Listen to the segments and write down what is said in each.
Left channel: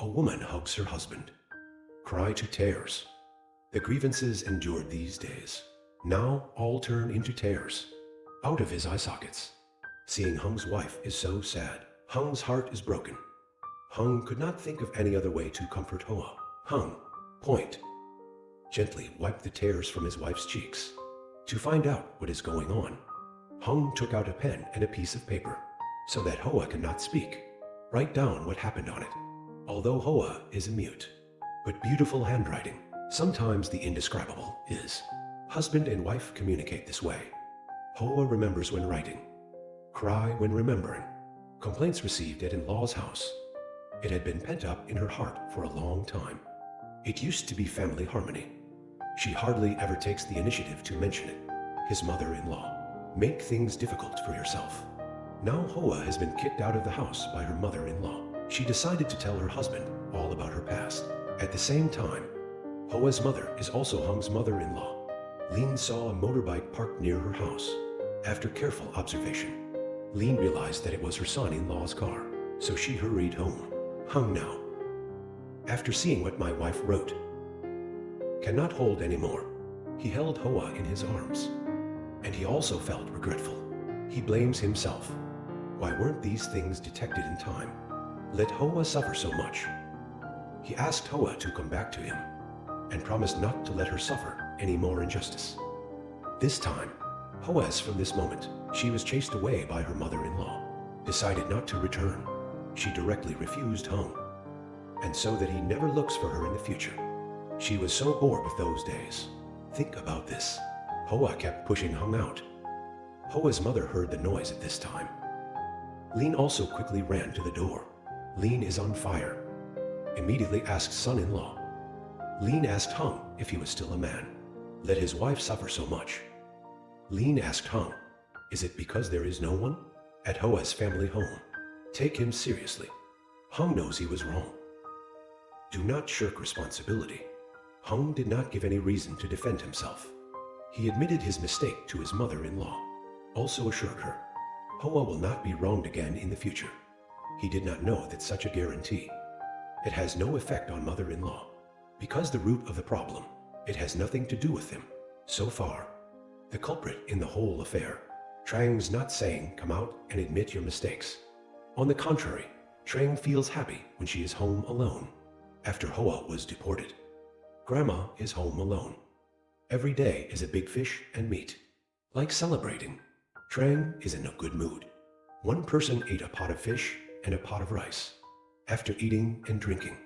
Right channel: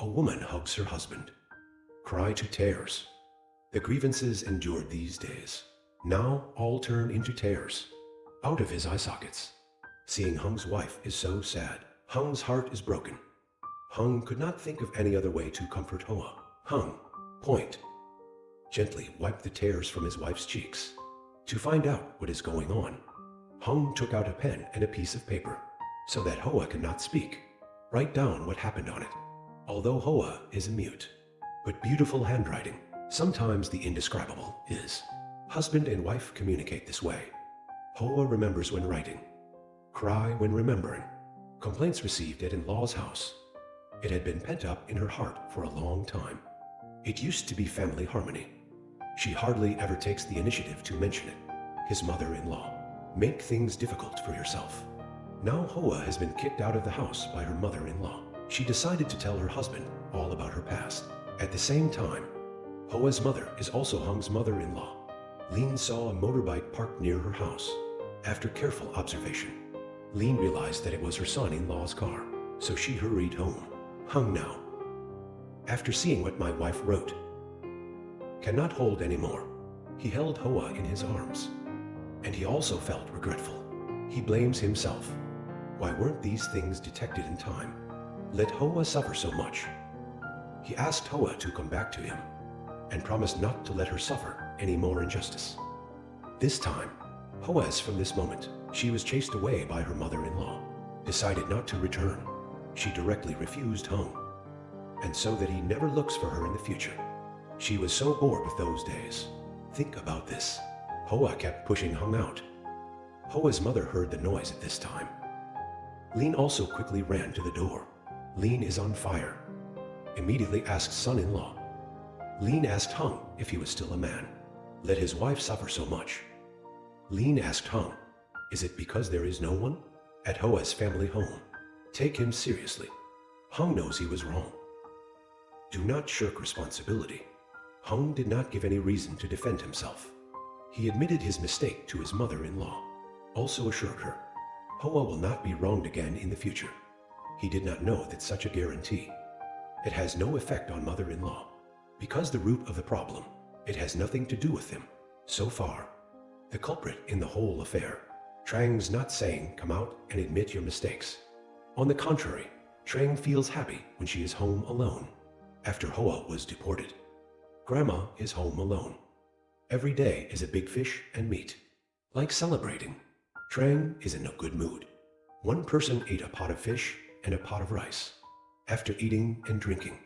A woman hugs her husband. Cry to tears. The grievances endured these days now all turn into tears out of his eye sockets. Seeing Hung's wife is so sad. Hung's heart is broken. Hung could not think of any other way to comfort Hoa. Hung, point, gently wiped the tears from his wife's cheeks. To find out what is going on, Hung took out a pen and a piece of paper, so that Hoa cannot speak. Write down what happened on it. Although Hoa is a mute, but beautiful handwriting, sometimes the indescribable is. Husband and wife communicate this way. Hoa remembers when writing. Cry when remembering. Complaints received at in-law's house. It had been pent up in her heart for a long time. It used to be family harmony. She hardly ever takes the initiative to mention it. His mother-in-law. Make things difficult for yourself. Now Hoa has been kicked out of the house by her mother-in-law. She decided to tell her husband all about her past. At the same time, Hoa's mother is also Hung's mother-in-law. Lin saw a motorbike parked near her house. After careful observation, Lin realized that it was her son-in-law's car, so she hurried home. Hung now, after seeing what my wife wrote, cannot hold anymore. He held Hoa in his arms, and he also felt regretful. He blames himself. Why weren't these things detected in time? Let Hoa suffer so much. He asked Hoa to come back to him, and promised not to let her suffer any more injustice. This time, Hoas from this moment, she was chased away by her mother-in-law, decided not to return. She directly refused Hung, and so that he never looks for her in the future. She was so bored with those days. Think about this. Hoa kept pushing Hung out. Hoa's mother heard the noise at this time. Lin also quickly ran to the door. Lin is on fire. Immediately asked son-in-law. Lin asked Hung if he was still a man. Let his wife suffer so much. Lin asked Hung, is it because there is no one at Hoa's family home? Take him seriously. Hung knows he was wrong. Do not shirk responsibility. Hung did not give any reason to defend himself. He admitted his mistake to his mother-in-law, also assured her, Hoa will not be wronged again in the future. He did not know that such a guarantee. It has no effect on mother-in-law. Because the root of the problem, it has nothing to do with him. So far, the culprit in the whole affair, Trang's not saying, come out and admit your mistakes. On the contrary, Trang feels happy when she is home alone. After Hoa was deported, Grandma is home alone. Every day is a big fish and meat. Like celebrating, Trang is in a good mood. One person ate a pot of fish and a pot of rice. After eating and drinking,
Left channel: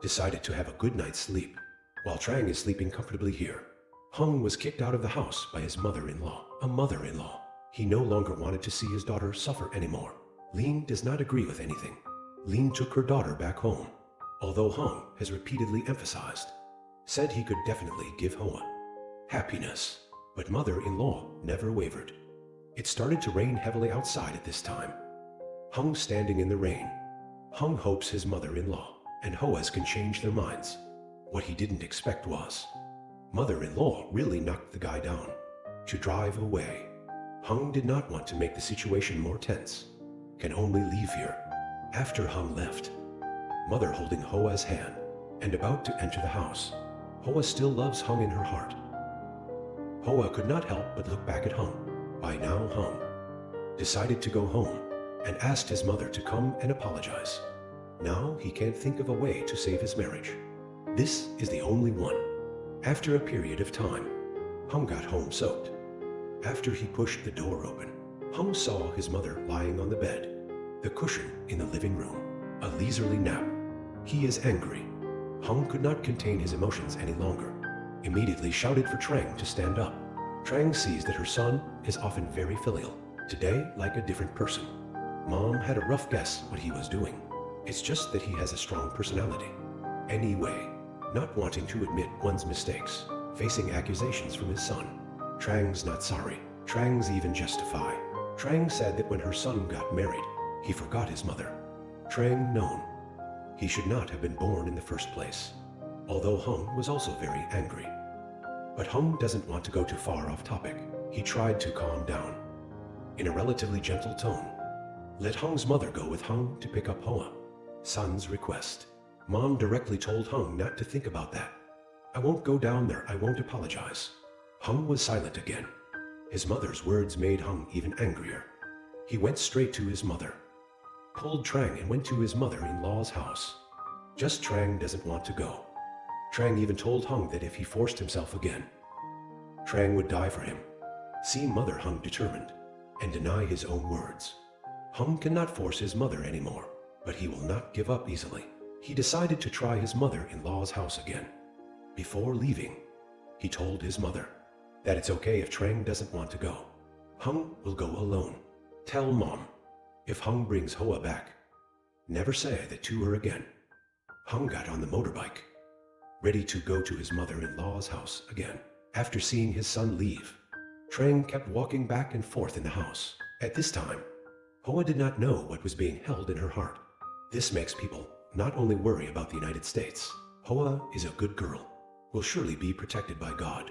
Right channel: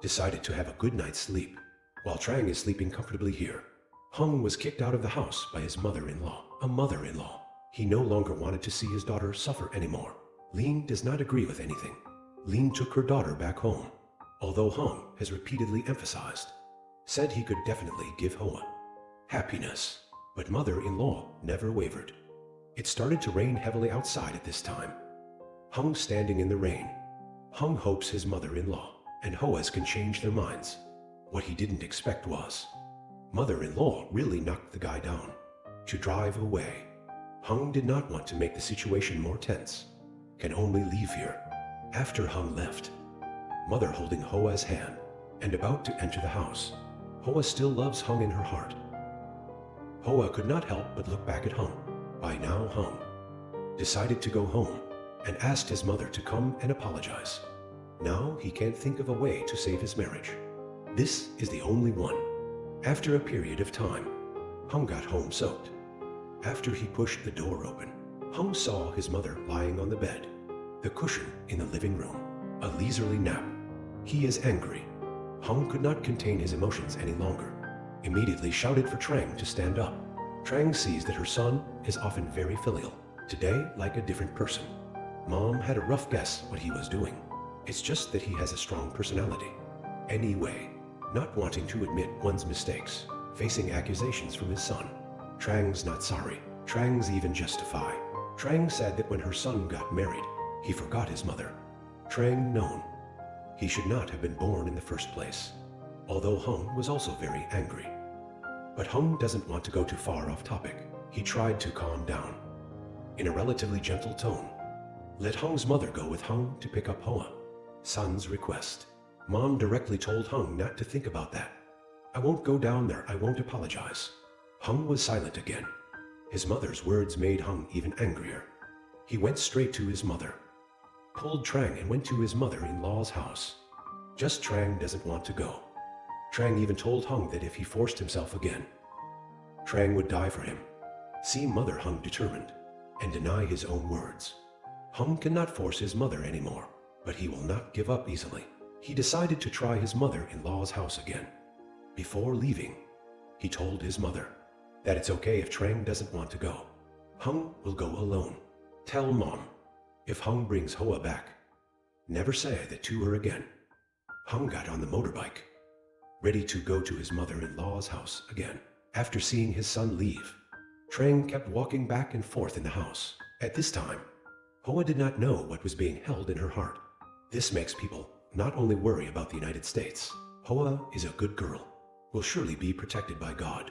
decided to have a good night's sleep. While Trang is sleeping comfortably here, Hung was kicked out of the house by his mother-in-law. A mother-in-law. He no longer wanted to see his daughter suffer anymore. Lin does not agree with anything. Lin took her daughter back home, although Hung has repeatedly emphasized, said he could definitely give Hoa happiness. But mother-in-law never wavered. It started to rain heavily outside at this time. Hung standing in the rain. Hung hopes his mother-in-law and Hoas can change their minds. What he didn't expect was, mother-in-law really knocked the guy down to drive away. Hung did not want to make the situation more tense. Can only leave here. After Hung left, mother holding Hoa's hand and about to enter the house. Hoa still loves Hung in her heart. Hoa could not help but look back at Hung. By now Hung decided to go home and asked his mother to come and apologize. Now he can't think of a way to save his marriage. This is the only one. After a period of time, Hung got home soaked. After he pushed the door open, Hung saw his mother lying on the bed, the cushion in the living room, a leisurely nap. He is angry. Hung could not contain his emotions any longer. Immediately shouted for Trang to stand up. Trang sees that her son is often very filial. Today, like a different person. Mom had a rough guess what he was doing. It's just that he has a strong personality. Anyway, not wanting to admit one's mistakes, facing accusations from his son. Trang's not sorry. Trang's even justify. Trang said that when her son got married, he forgot his mother. Trang known. He should not have been born in the first place. Although Hung was also very angry. But Hung doesn't want to go too far off topic. He tried to calm down. In a relatively gentle tone, let Hung's mother go with Hung to pick up Hoa. Son's request. Mom directly told Hung not to think about that. I won't go down there, I won't apologize. Hung was silent again. His mother's words made Hung even angrier. He went straight to his mother, pulled Trang and went to his mother-in-law's house. Just Trang doesn't want to go. Trang even told Hung that if he forced himself again, Trang would die for him. See mother Hung determined, and deny his own words. Hung cannot force his mother anymore, but he will not give up easily. He decided to try his mother-in-law's house again. Before leaving, he told his mother that it's okay if Trang doesn't want to go. Hung will go alone. Tell Mom, if Hung brings Hoa back, never say that to her again. Hung got on the motorbike, ready to go to his mother-in-law's house again. After seeing his son leave, Trang kept walking back and forth in the house. At this time, Hoa did not know what was being held in her heart. This makes people not only worry about the United States. Hoa is a good girl, will surely be protected by God.